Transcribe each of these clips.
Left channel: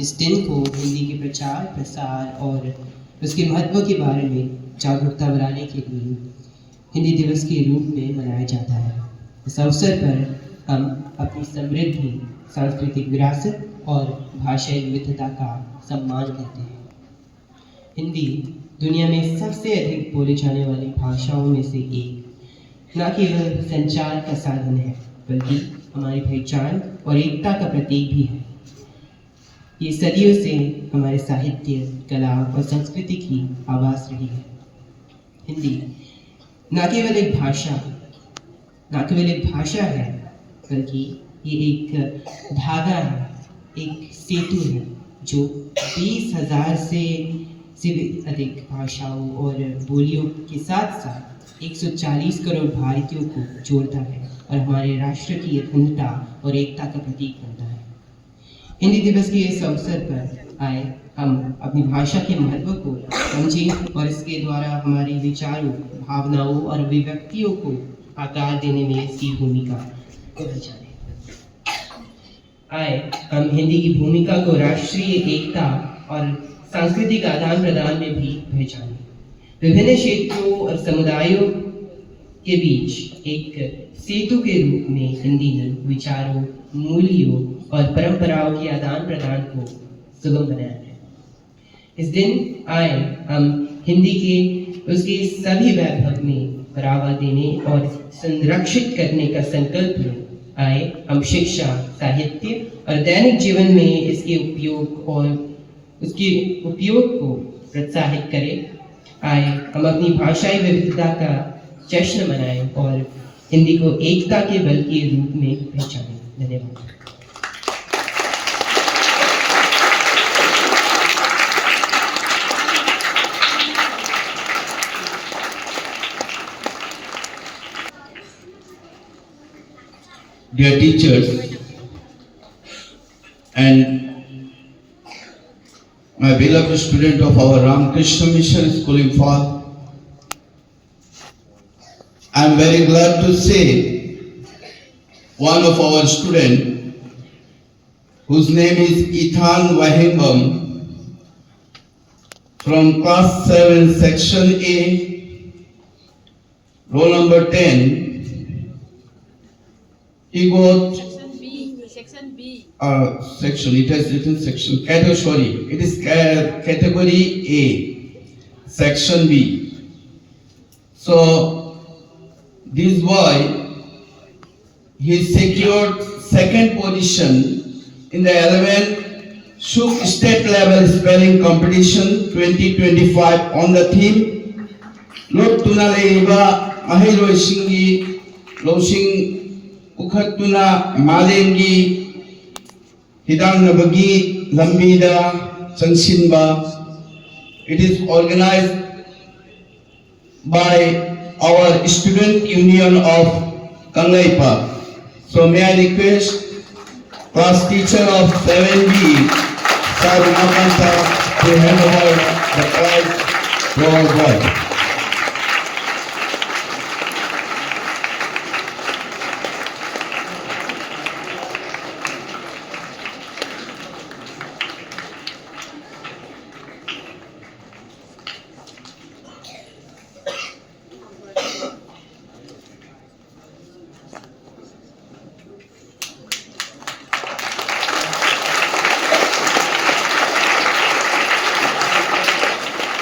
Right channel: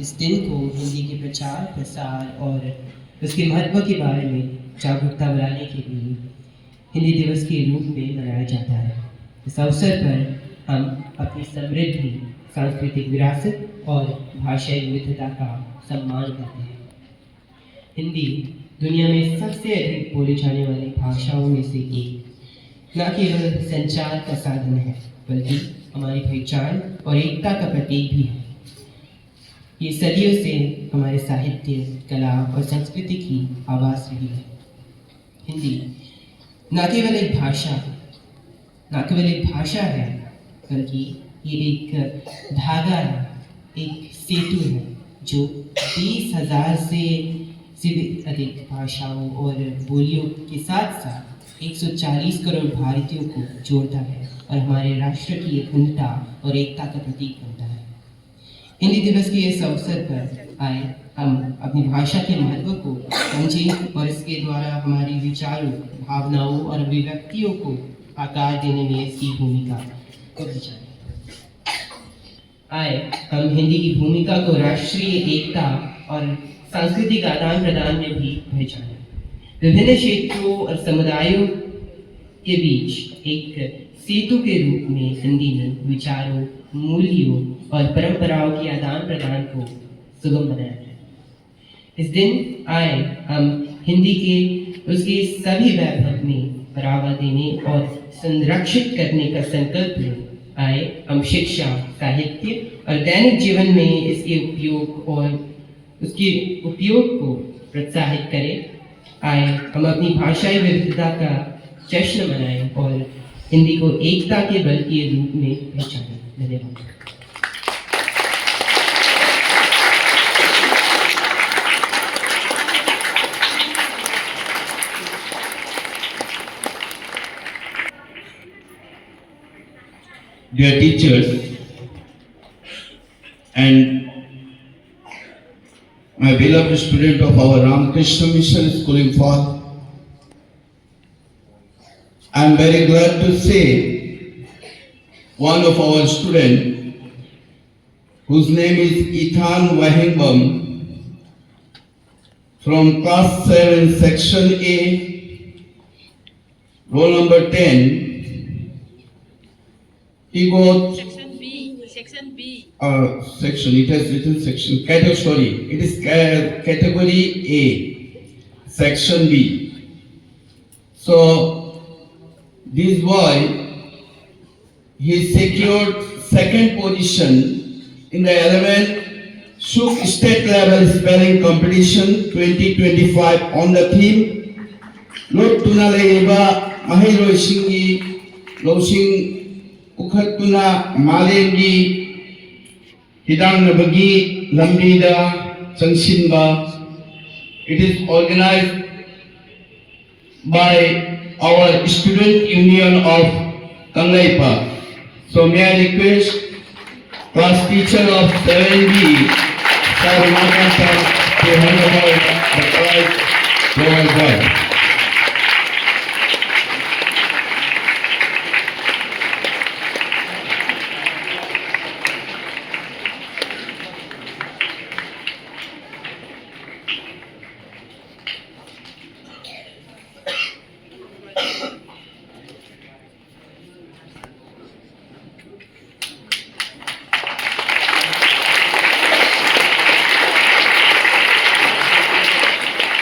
इस दिन को हिंदी के प्रचार प्रसार और उसके महत्व के बारे में जागरूकता बढ़ाने के लिए हिंदी दिवस के रूप में मनाया जाता है। इस अवसर पर हम अपनी समृद्धि सांस्कृतिक विरासत और भाषाई विविधता का सम्मान करते हैं। हिंदी दुनिया में सबसे अधिक बोली जाने वाली भाषाओं में से एक न केवल संचार का साधन है बल्कि हमारी पहचान और एकता का प्रतीक भी है। ये सदियों से हमारे साहित्य, कला और संस्कृति की आवाज़ रही है। हिंदी न केवल एक भाषा है बल्कि ये एक धागा है, एक सेतु है जो 20,000 से भी अधिक भाषाओं और बोलियों के साथ साथ 140 करोड़ भारतीयों को जोड़ता है और हमारे राष्ट्र की अखंडता और एकता का प्रतीक बनता है। हिंदी दिवस के इस अवसर पर आए हम अपनी भाषा के महत्व को समझें और इसके द्वारा हमारी विचारों, भावनाओं और अभिव्यक्तियों को आकार देने में इसकी भूमिका को जाने। आए हम हिंदी की भूमिका को राष्ट्रीय एकता और सांस्कृतिक आदान प्रदान में भी पहचाने। विभिन्न क्षेत्रों और समुदायों के बीच एक सेतु के रूप में हिंदी ने विचारों, मूल्यों और परंपराओं के आदान प्रदान को सुगम बनाया है। इस दिन आए हम हिंदी के उसके सभी वैभव में बढ़ावा देने और संरक्षित करने का संकल्प लें। आए हम शिक्षा, साहित्य और दैनिक जीवन में इसके उपयोग को प्रोत्साहित करें। आए हम अपनी भाषाई विविधता का जश्न मनाएं और हिंदी को एकता के बल के रूप में पहचानें। धन्यवाद। Dear teachers and my beloved student of our Ramakrishna Mission School in Fall, I am very glad to say one of our students whose name is Ethan Wahingham from class 7 section A, roll number 10. He got section. It has written section. It is category A, section B. So this boy, he secured second position in the 11th Shuk State Level Spelling Competition 2025 on the theme Lot Tunale Iba Ahiro Shingi Losing Ukhatuna Malengi Hidang Nabagi Lambida Changsinba. It is organized by our Student Union of Kanglaipa. So may I request class teacher of 7B, Sir Makan sir, to hand over the prize to my bride.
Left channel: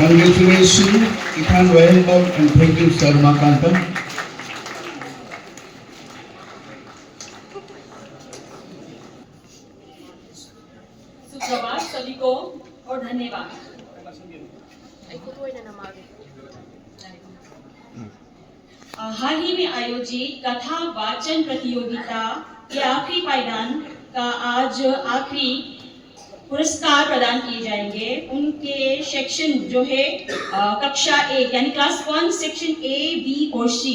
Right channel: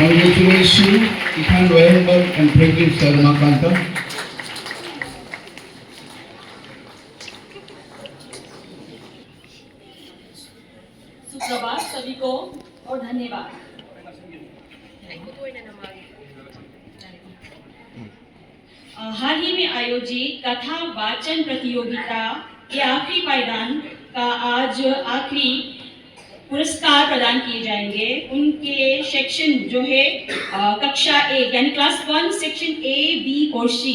Congratulations, Ethan Wahingham, and thank you, Sir Makanta. सुप्रभात सभी को और धन्यवाद। हाल ही में आयोजित कथा वाचन प्रतियोगिता के आखिरी पायदान का आज आखिरी पुरस्कार प्रदान किए जाएंगे। उनके सेक्शन जो है कक्षा ए यानी क्लास 1 सेक्शन ए, बी और सी।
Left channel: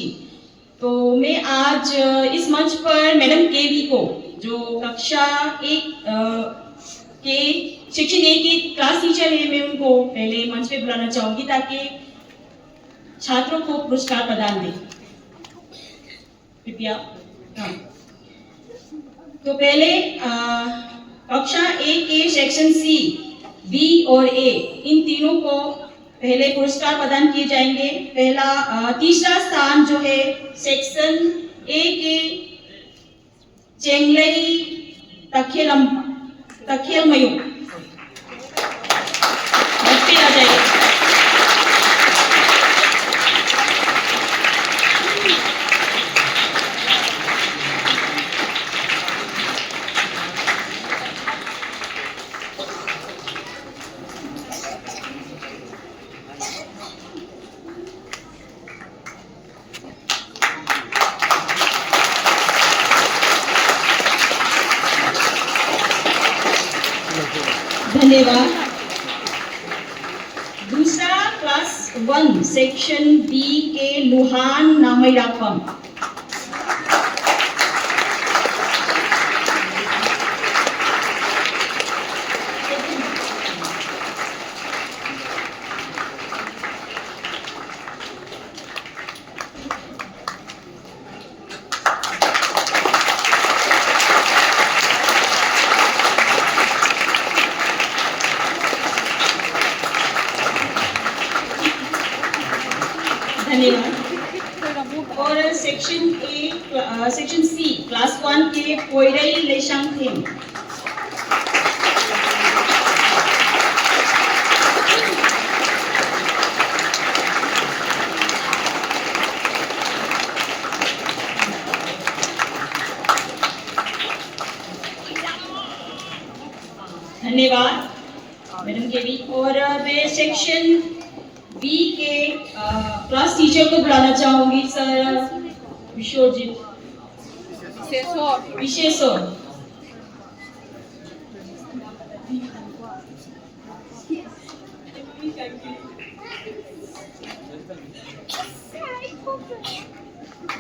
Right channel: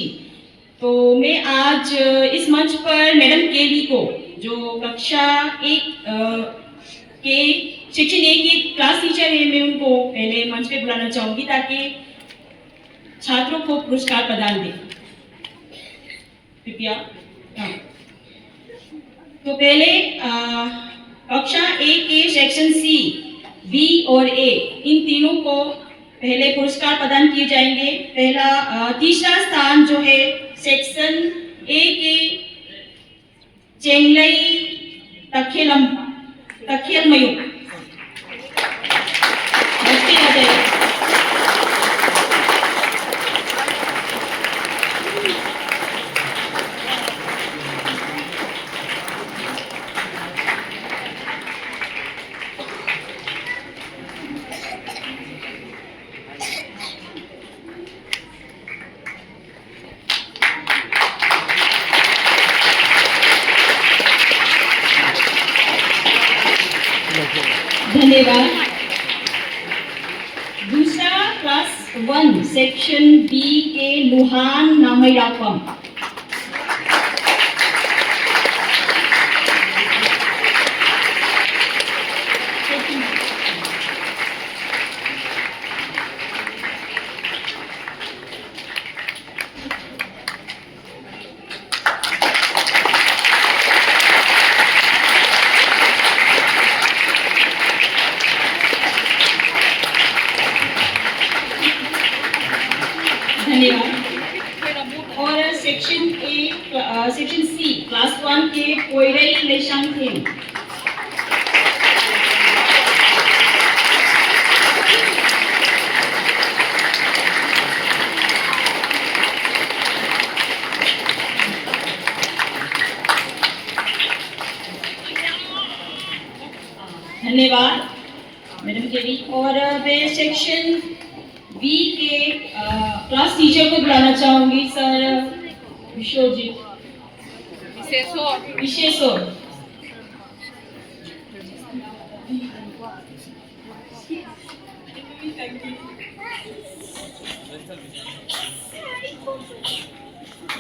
तो मैं आज इस मंच पर मैडम केवी को जो कक्षा एक के सेक्शन ए की क्लास टीचर है, मैं उनको पहले मंच पे बुलाना चाहूंगी ताकि छात्रों को पुरस्कार प्रदान दें। कृपया। तो पहले कक्षा 1 के सेक्शन सी, बी और ए, इन तीनों को पहले पुरस्कार प्रदान किए जाएंगे। तीसरा स्थान जो है सेक्शन ए के चेंगलई तखेलमयू बच्चे आ जाएंगे। धन्यवाद। दूसरा क्लास 1 सेक्शन बी के लुहान नामैरापम। धन्यवाद। और सेक्शन सी क्लास 1 के पोइरई लेशांगथेम। धन्यवाद मैडम के भी। और मैं सेक्शन बी के क्लास टीचर को बुलाना चाहूंगी, सर विश्वजीत विशेषर।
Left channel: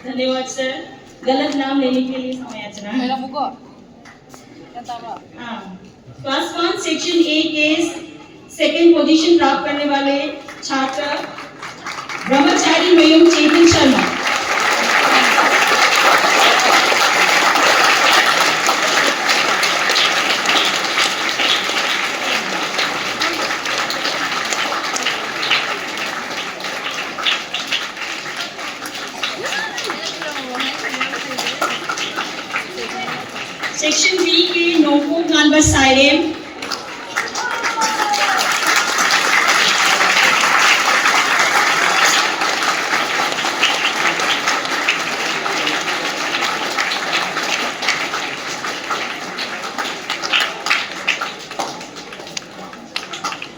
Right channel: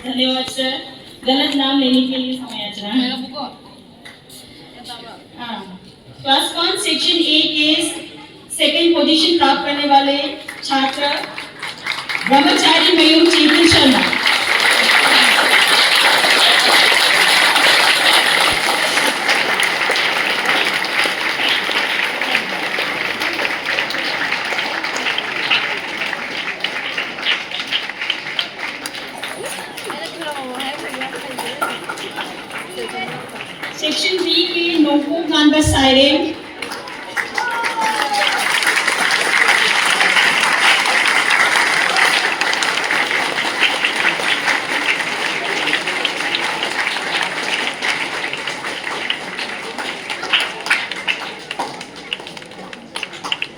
धन्यवाद सर, गलत नाम लेने के लिए क्षमा याचना। क्लास 1 सेक्शन ए के सेकंड पोजीशन प्राप्त करने वाले छात्र ब्रह्मचारी मयूर चेतन शर्मा। सेक्शन बी के नोको गानबस साइरेम।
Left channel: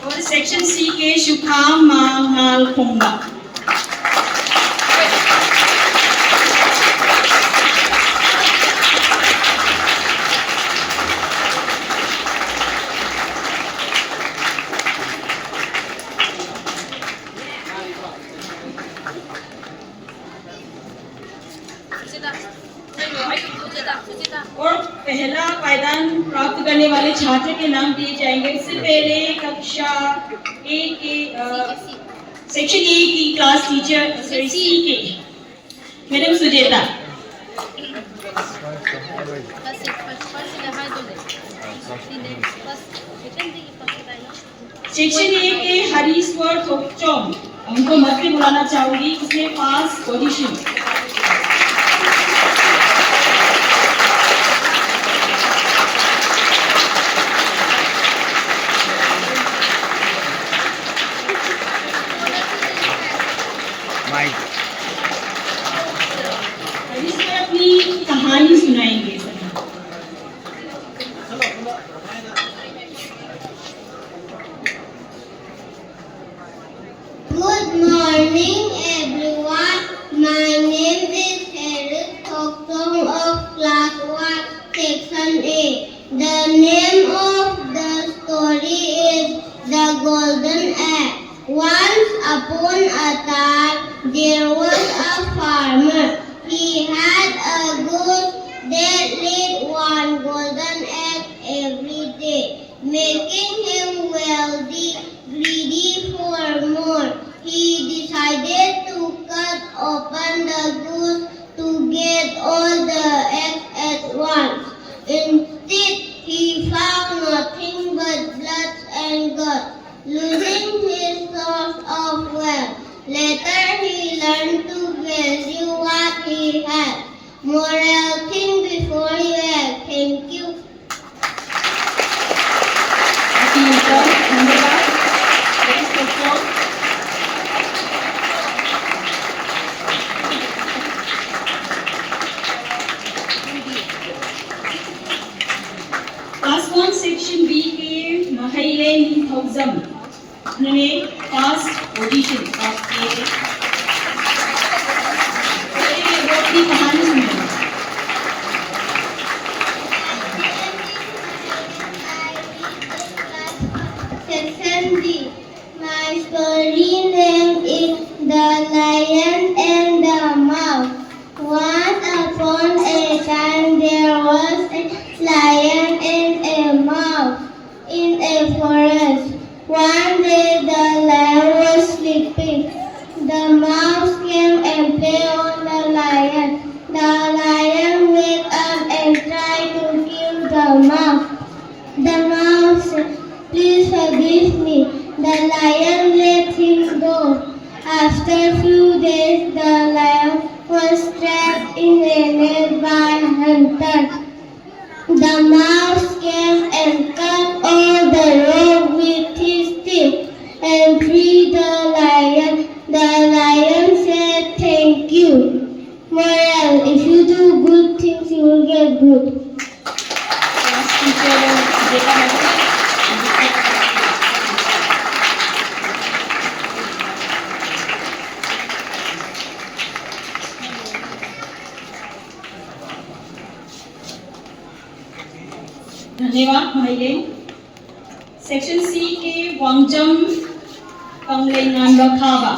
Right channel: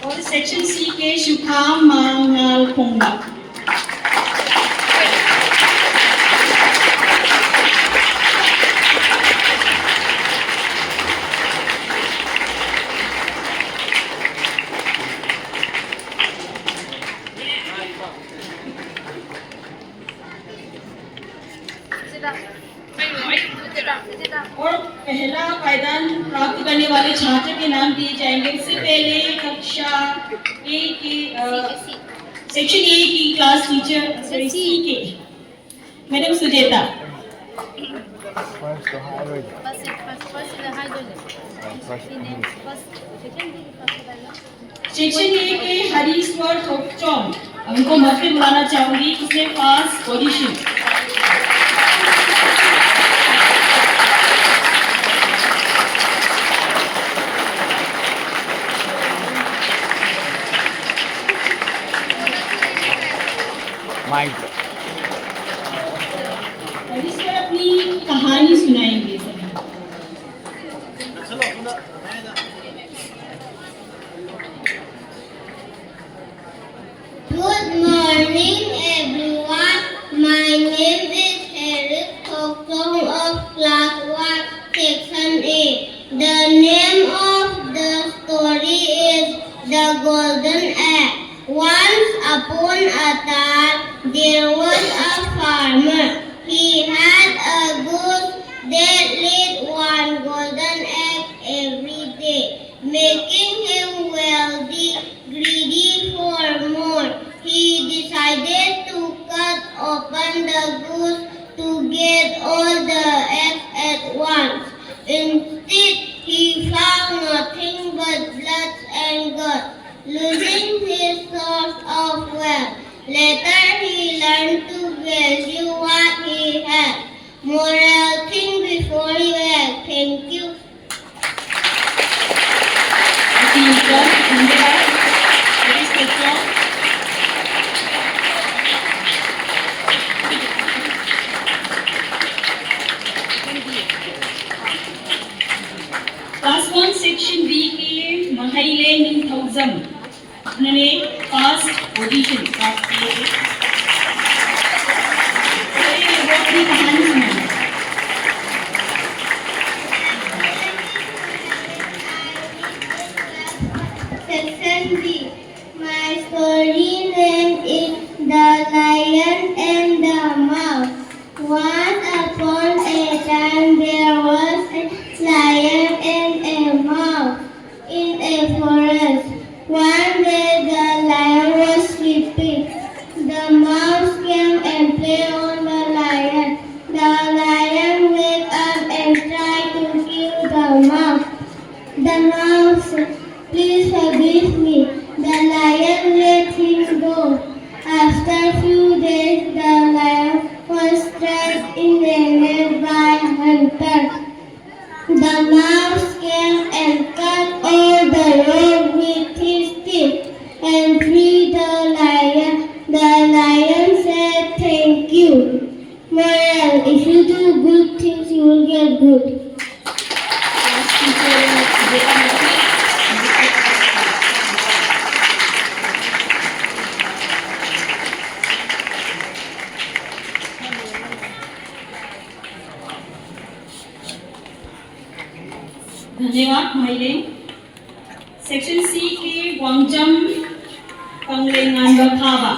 और सेक्शन सी के शुखाम मांगाल पोंगा। और पहला पायदान प्राप्त करने वाले छात्र के नाम दिए जाएंगे। इससे पहले कक्षा ए के सेक्शन ए की क्लास टीचर सी के मैडम सुजेता। सेक्शन ए के हरीश्वर थोकचोम, उनको मत में बुलाना चाहूंगी, इसमें पास पोजीशन। अपनी कहानी सुनाएंगे। Good morning everyone. My name is Eric Thokdong of class 1 section A. The name of the story is The Golden Egg. Once upon a time there was a farmer. He had a goose that laid one golden egg every day, making him wealthy, greedy for more. He decided to cut open the goose to get all the eggs at once. Instead, he found team पर धन्यवाद। Ladies first round. Class 1 section b के महिले निथौजम उन्होंने first position प्राप्त की। वो अपनी कहानी सुनाएंगे। Section B. My story name is The Lion and the Mouse. Once upon a time there was a lion and a mouse in a forest. One day the lion was sleeping. The mouse came and played on the lion. The lion waked up and tried to kill the mouse. The mouse said, "Please forgive me." The lion let him go. After a few days, the lion was trapped in a net by hunters. The mouse came and cut all the rope with his teeth and freed the lion. The lion said, "Thank you." Moral: if you do good things, you will get good. Class teacher जेका मैथी। धन्यवाद महिले। Section C के वांगजम कंगलेंगान बखावा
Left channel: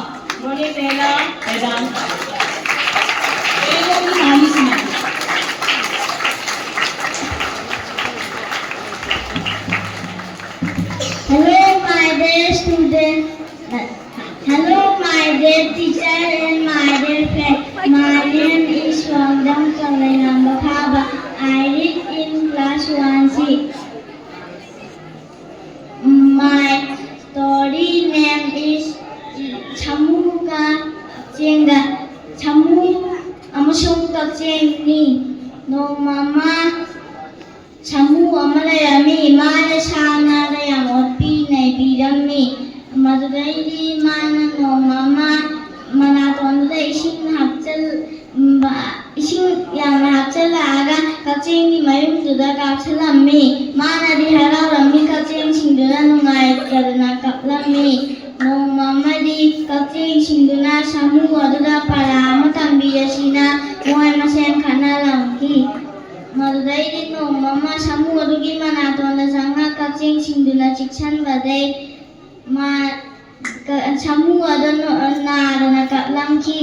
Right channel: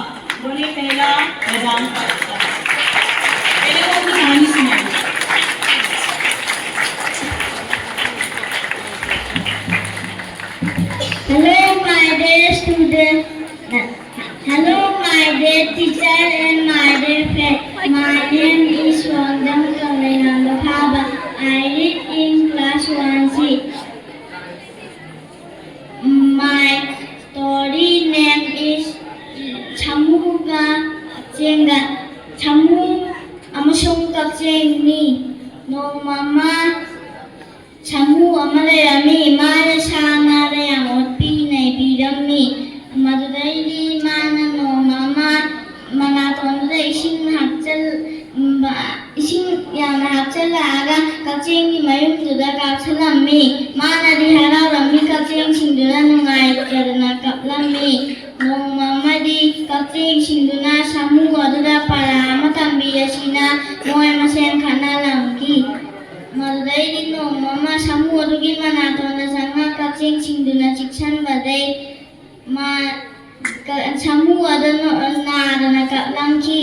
उन्होंने पहला मैदान प्राप्त किया। पहले वो अपनी कहानी सुनाएंगे। Hello, my dear student. Hello, my dear teacher and my dear friend. My name is Wangjam Kalenanda Khaba. I read in class 1C. My story name is Chamuga Chenga. Chamu amasung Kachengni. No mama. Chamu amarayami mana sana rayang otpi na ipirami madudaydi mana no mama mana tonda ising yang hapchal aga kachengi mayum tuda kapchalami mana di hararami kacheng singduna nungai karna kaplami no mama di kacheng singduna samu aduda para amatambiya sina nungai masen khana lamki madudaydi no mama samu adugi mana tonda sanga kacheng singduna chikchan badai ma samu adana na kaplamki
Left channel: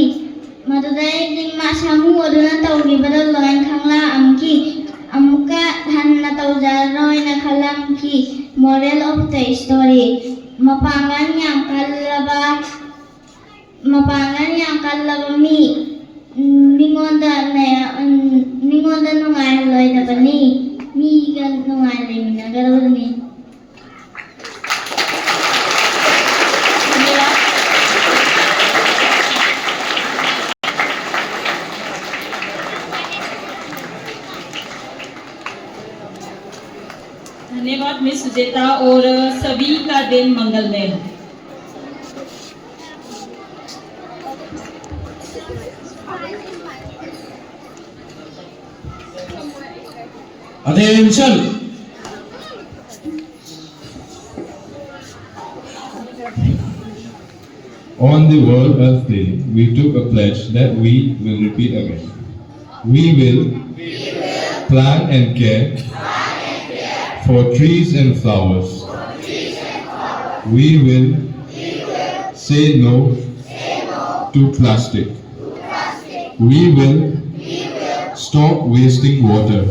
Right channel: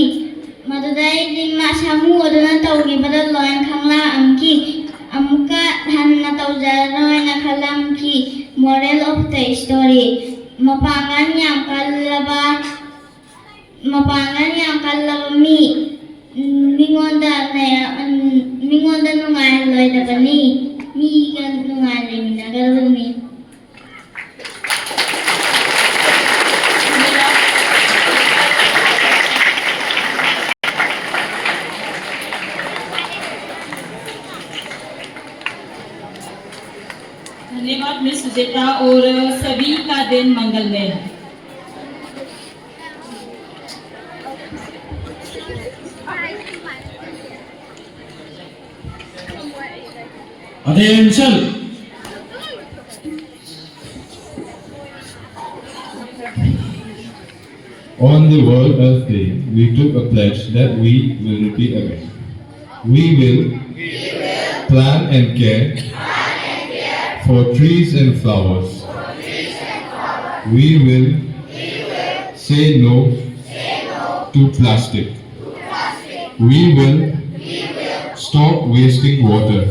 madudaydi ma samu adana tawgi badal loin khangla amki amka hanna tawjaroi na khalamki. Moral of the story: mapangan yang kalaba mi mingonda nungai loi da bani mi gan nungai le mina garabani. धन्यवाद miss सुजेता और सभी का दिन मंगलमय हो। Attention! On the World Earth Day, we took a pledge that we will repeat again. We will plant and care for trees and flowers. We will say no to plastic. We will stop wasting water.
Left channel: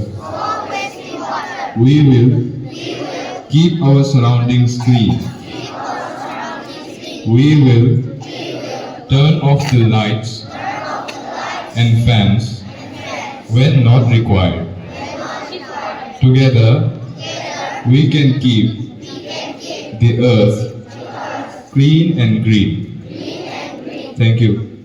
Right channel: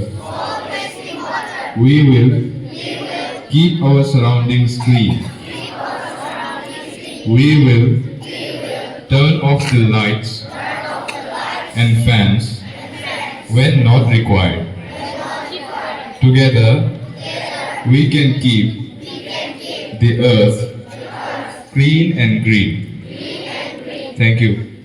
We will keep our surroundings clean. We will turn off the lights and fans when not required. Together, we can keep the earth clean and green. Thank you.